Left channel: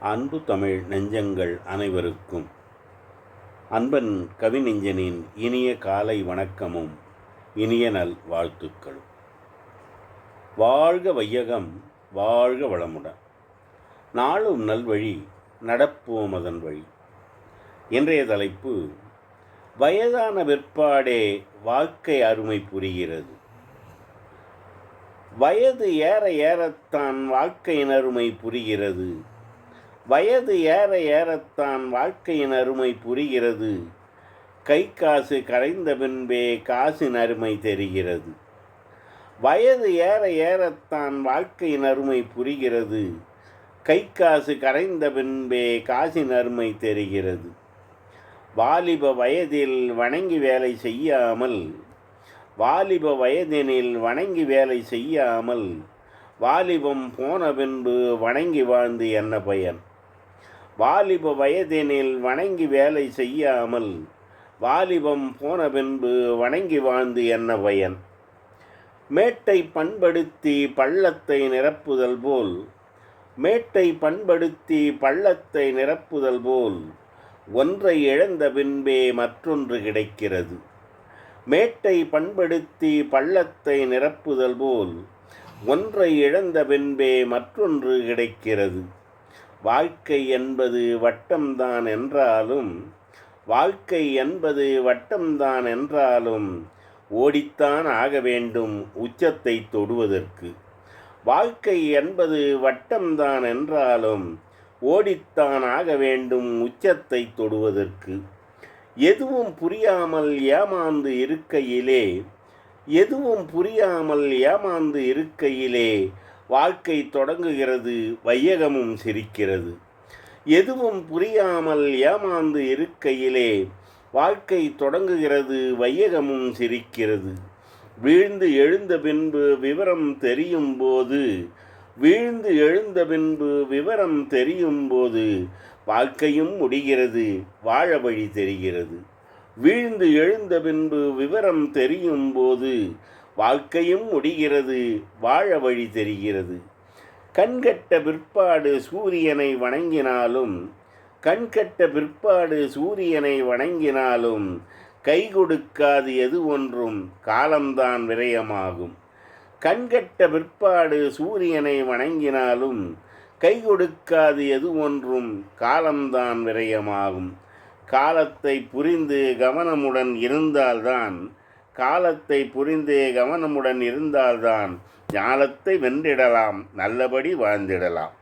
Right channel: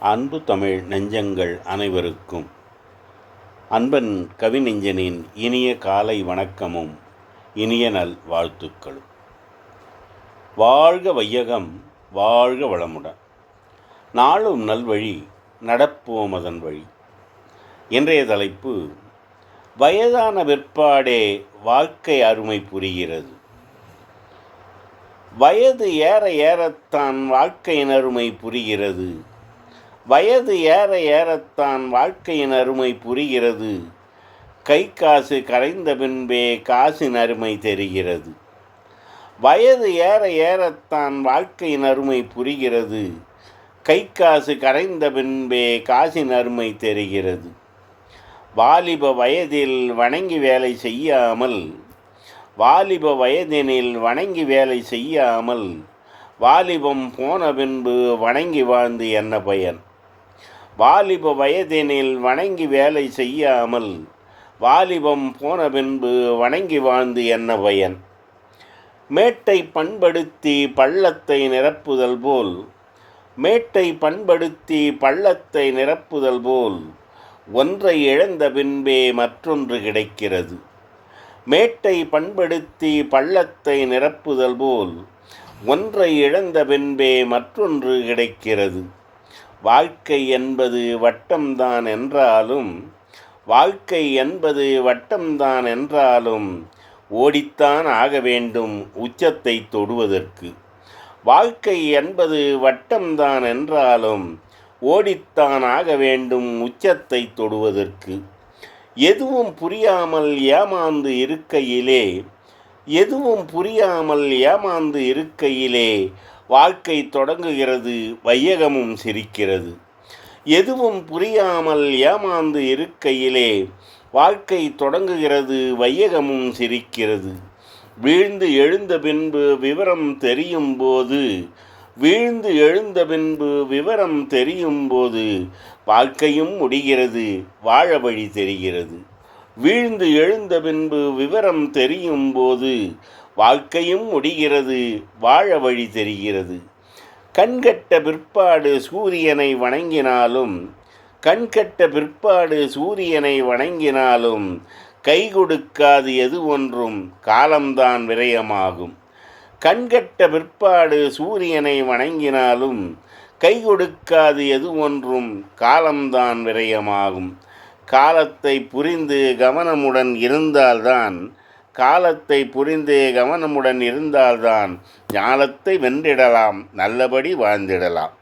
அன்பு தமிழ் நெஞ்சங்கள் அனைவருக்கும். அன்பன் கவிநெஞ்சனின் இனிய காலை வணக்கமும் இனிய நல் வாழ்த்துக்களும். வாழ்க வையகம் வாழ்க வளமுடன். நாளும் நல்வழி நடப்போம் அதன் வழி. இன்றைய தலைப்பு வயதான பிற்பாடே வாழ்க்கை அருமை புரிகிறது. வயது ஏற ஏறத்தான் வாழ்க்கையின் அருமை புரிகிறது. வயது ஏற ஏறத்தான் வாழ்க்கையின் அருமை புரிகிறது. கை காசு கரைந்த பின்பே காசின் அருமை தெரிகிறது. வயது ஏற ஏறத்தான் வாழ்க்கையின் அருமை புரிகிறது. கை காசு கரைந்த பின்பே காசின் அருமை தெரிகிறது. வாலிப வயதில் வணங்கி வேலை செய்யாமல் வாலிப வயதினில் வணங்கி வேலை செய்யாமல் வாலிபம் போன பின்பு வணங்கி வாழ்ந்து என்ன பயன்? வாலிப வயதினில் வணங்கி வேலை செய்யாமல் வாலிபம் போன பின்பு வணங்கி வாழ்ந்து என்ன பயன்? மேட்டை பண்படுத்தி பள்ளத்தை நிரப்புதல் போல் மேட்டை பண்படுத்தி பள்ளத்தை நிரப்புதல் போல் ஒன்றை இழந்த பின்பே மற்றொன்று கிடைக்கிறது. மேட்டை பண்படுத்தி பள்ளத்தை நிரப்புதல் போல் ஒன்றை இழந்த பின்பே மற்றொன்று கிடைக்கிறது. வாழ்க்கை என்பது வட்டம்தான் என்றாலும் வாழ்க்கை என்பது வட்டம்தான் என்றாலும் ஓடித்தான் ஆக வேண்டும் உச்சத்தை தொடுவதற்கு. வாழ்க்கை என்பது வட்டம்தான் என்றாலும் ஓடித்தான் ஆக வேண்டும் உச்சத்தை தொடுவதற்கு. எதுவும் புரியாமல் ஏமாந்து இருக்கையிலே எதுவும் புரியாமல் ஏமாந்து இருக்கையிலே வாழ்க்கை தொடங்குகிறது வையகமும் சிரிக்கிறது. எதுவும் புரியாமல் ஏமாந்து இருக்கையிலே வாழ்க்கை தொடங்குகிறது வையகமும் சிரிக்கிறது. வீழ்ந்து எழுந்த பின்பு விவரம் தெரியும் போது வீழ்ந்து எழுந்த பின்பு விவரம் தெரியும் போது வாழ்க்கையும் முடிகிறது வாழ வழி தெரிகிறது. வீழ்ந்து எழுந்த பின்பு விவரம் தெரியும் போது வாழ்க்கையும் முடிகிறது வாழ வழி தெரிகிறது. கண்கட்ட பிற்பாடு சூரியனை வணங்கினாலும் கண்கட்ட பிற்பாடு சூரியனை வணங்கினாலும் கை கொடுக்காது எது ஒன்றும் காலம்தான் விரயமாகும். கண்கட்ட பிற்பாடு சூரியனை வணங்கினாலும் கை கொடுக்காது எது ஒன்றும் காலம்தான் விரயமாகும். காலத்தை புரிந்து கவனமுடன் இருந்தால்தான் காலத்தை புரிந்தே கவனமுடன் இருந்தால்தான் ஞானத்தை வென்றிடலாம் நல்லபடி வாழ்ந்திடலாம்.